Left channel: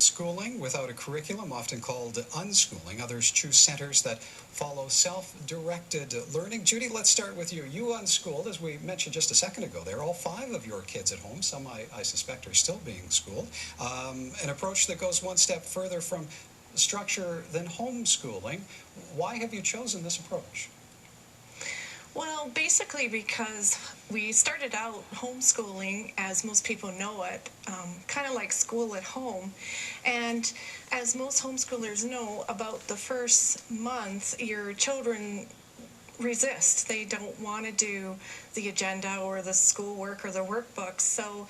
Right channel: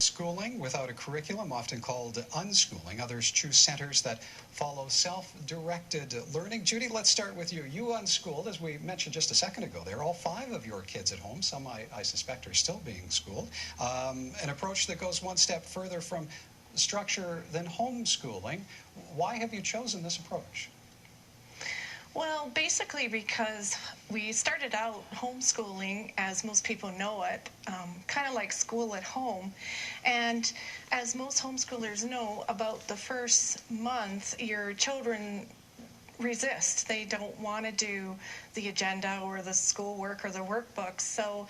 Schooling without a curriculum, often called unschooling. Others choose centers that follow self-directed learning. Judy, let's start with you. You unschooled, as we mentioned just a second ago there. All 5 of your kids at home, some I suspect are still being schooled. An approach that goes one step further from structure than homeschooling. Why have you chosen this approach? Well, basically because we started out homeschooling, as most people know it, kind of like school at home. And as most homeschoolers know, about the first month, your children resist. They don't want to do the agenda or the schoolwork or the workbooks. So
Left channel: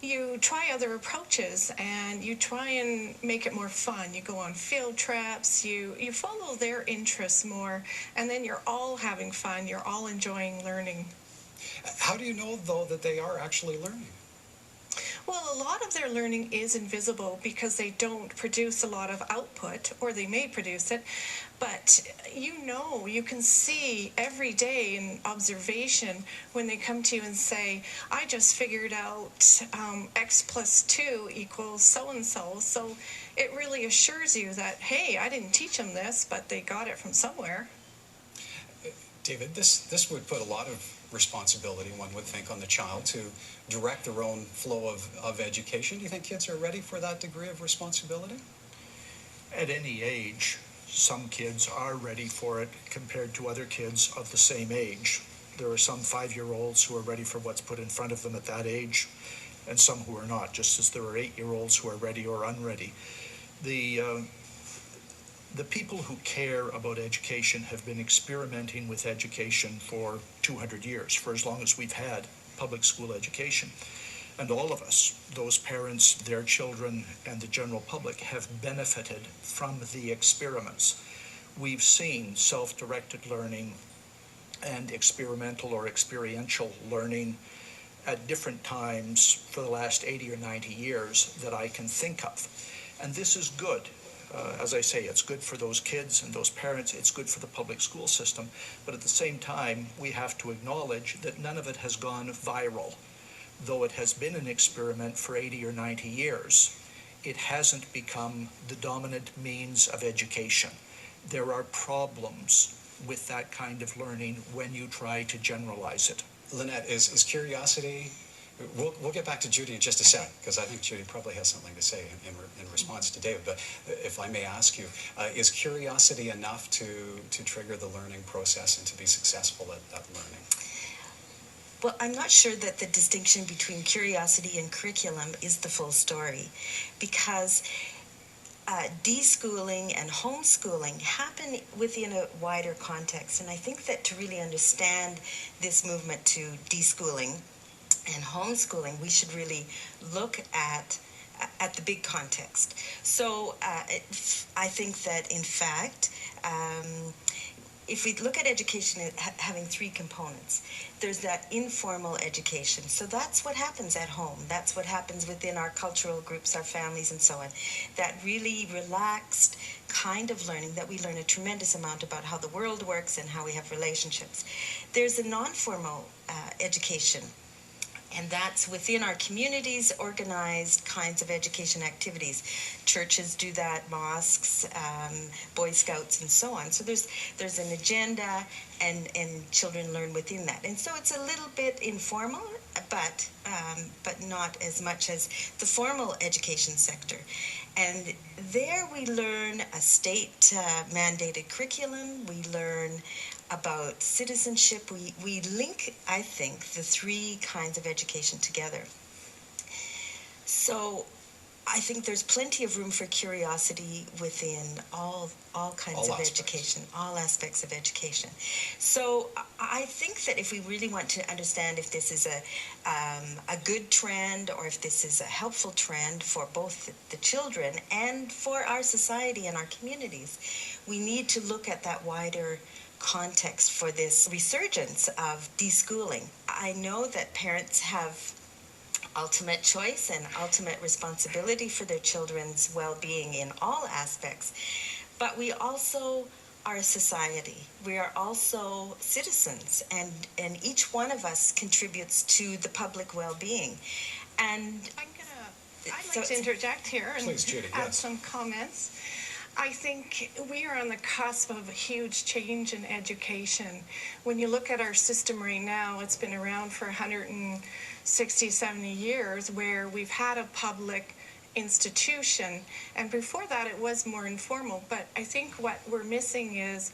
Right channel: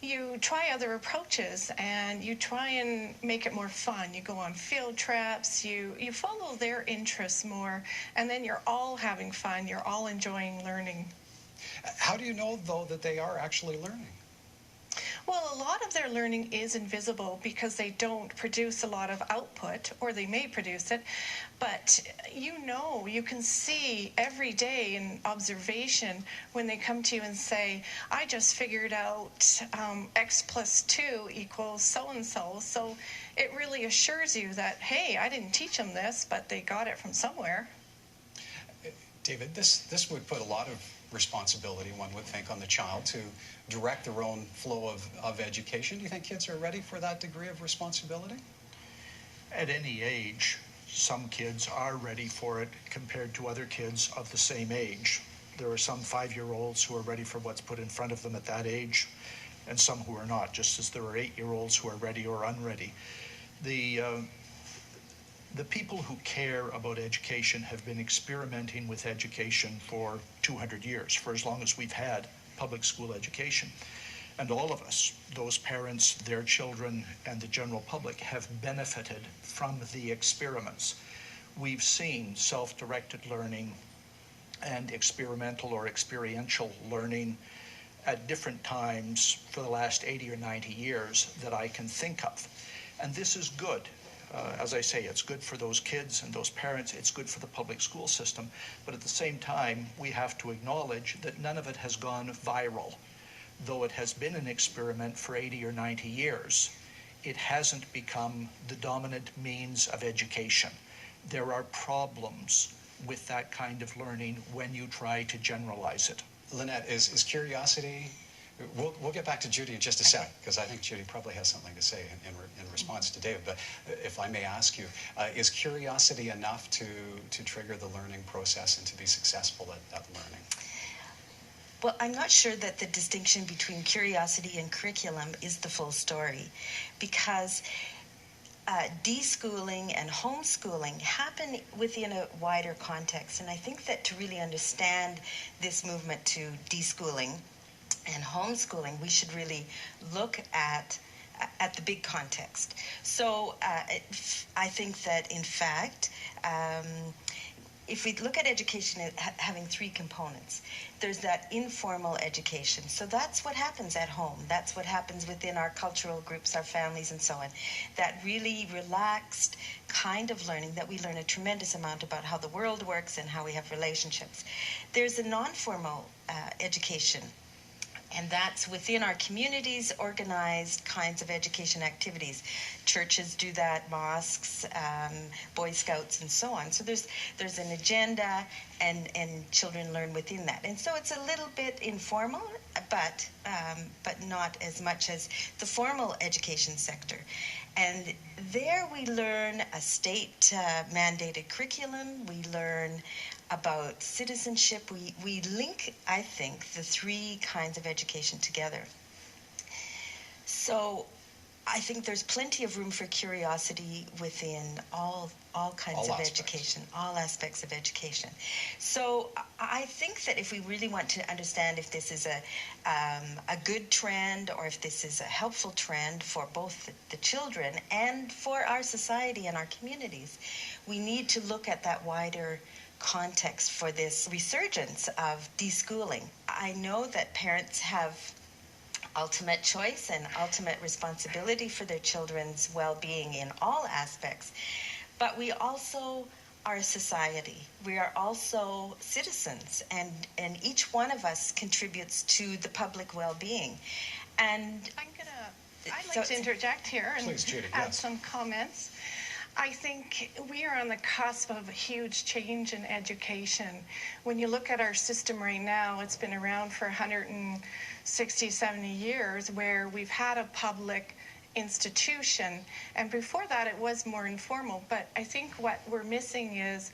you try other approaches and you try and make it more fun. You go on field trips, you follow their interests more, and then you're all having fun. You're all enjoying learning. How do you know, though, that they are actually learning? Well, a lot of their learning is invisible because they don't produce a lot of output, or they may produce it, but you can see every day in observation when they come to you and say, I just figured out X plus 2 equals so-and-so. So it really assures you that, hey, I didn't teach them this, but they got it from somewhere. David, this would put a lot of responsibility, one would think, on the child to direct their own flow of education. Do you think kids are ready for that degree of responsibility? At any age, some kids are ready for it compared to other kids of the same age. There are some 5-year-olds who are ready for what's put in front of them at that age, and some who are not, just as there are 8-year-olds who are ready or unready. The people who care about education have been experimenting with education for 200 years, for as long as we've had public school education. And all of us, those parents, their children, and the general public, have benefited from the experiments. We've seen self-directed learning and experimental or experiential learning at different times for the last 80 or 90 years that I can think of. And this is good. As I say, it's good for those kids and those parents. It's good for the public school system. But at the same time, we have to acknowledge that none of it has gone viral. Though it has been an experiment for 80 or 90 years, it hasn't become the dominant means of education. There are problems with that kind of learning when you try to generalize it. Lynette, is curiosity... We'll get back to Judy in just a sec, because I think Judy probably has something to say in response to David. But if I may ask you, is curiosity enough to trigger the learning process and to be successful at learning? Well, I'm not sure that the distinction between curiosity and curriculum is the full story, because deschooling and homeschooling happen within a wider context. And I think that to really understand this movement to deschooling and homeschooling, we should really look at the big context. So I think that, in fact, if we look at education having 3 components, there's that informal education. So that's what happens at home. That's what happens within our cultural groups, our families, and so on. That really relaxed kind of learning that we learn a tremendous amount about how the world works and how we have relationships. There's a non-formal education, and that's within our communities, organized kinds of education activities. Churches do that, mosques, Boy Scouts, and so on. So there's an agenda, and children learn within that. And so it's a little bit informal, but not as much as the formal education sector. And there we learn a state-mandated curriculum. We learn about citizenship. We link, I think, the 3 kinds of education together. So I think there's plenty of room for curiosity within all kinds of education, all aspects of education. So I think that if we really want to understand if this is a good trend or if this is a helpful trend for both the children and for our society and our communities, we need to look at that wider context for this resurgence of deschooling. I know that parents have ultimate choice and ultimate responsibility for their children's well-being in all aspects, but we also are a society. We are also citizens, and each one of us contributes to the public well-being. And I'm going to I'd like to interject here and Please, Judy, add yes. some comments. I think we are on the cusp of a huge change in education. When you look at our system right now, it's been around for 160, 70 years, where we've had a public institution, and before that it was more informal. But I think what we're missing is,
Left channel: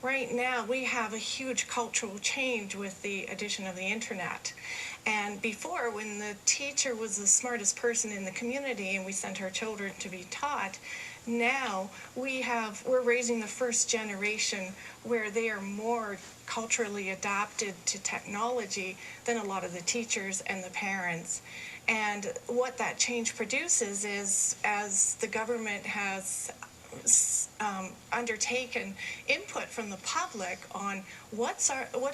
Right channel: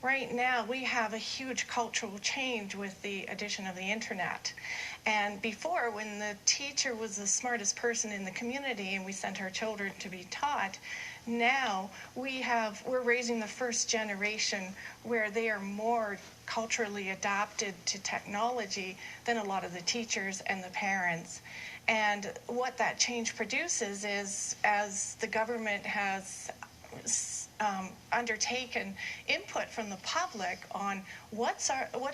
right now we have a huge cultural change with the addition of the internet. And before, when the teacher was the smartest person in the community and we sent our children to be taught, now we're raising the first generation where they are more culturally adapted to technology than a lot of the teachers and the parents. And what that change produces is, as the government has undertaken input from the public on what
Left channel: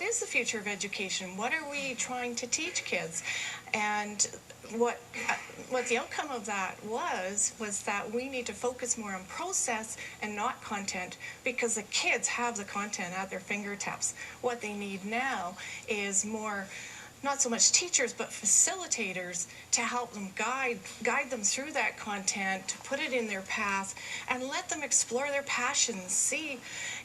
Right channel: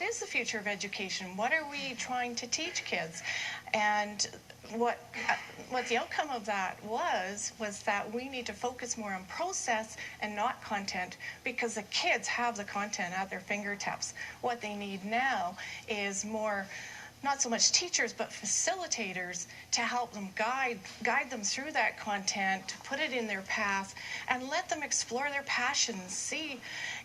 is the future of education, what are we trying to teach kids, and what the outcome of that was that we need to focus more on process and not content, because the kids have the content at their fingertips. What they need now is more, not so much teachers, but facilitators to help them guide them through that content, to put it in their path, and let them explore their passions, see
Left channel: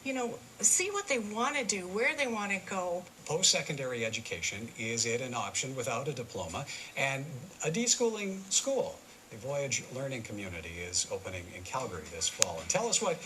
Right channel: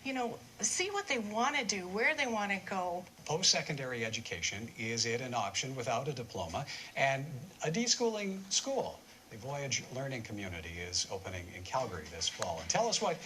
what they want to do, where they want to go. Post-secondary education, is it an option without a diploma? And a deschooling school. The Voyage Learning Community is opening in Calgary this fall. And tell us what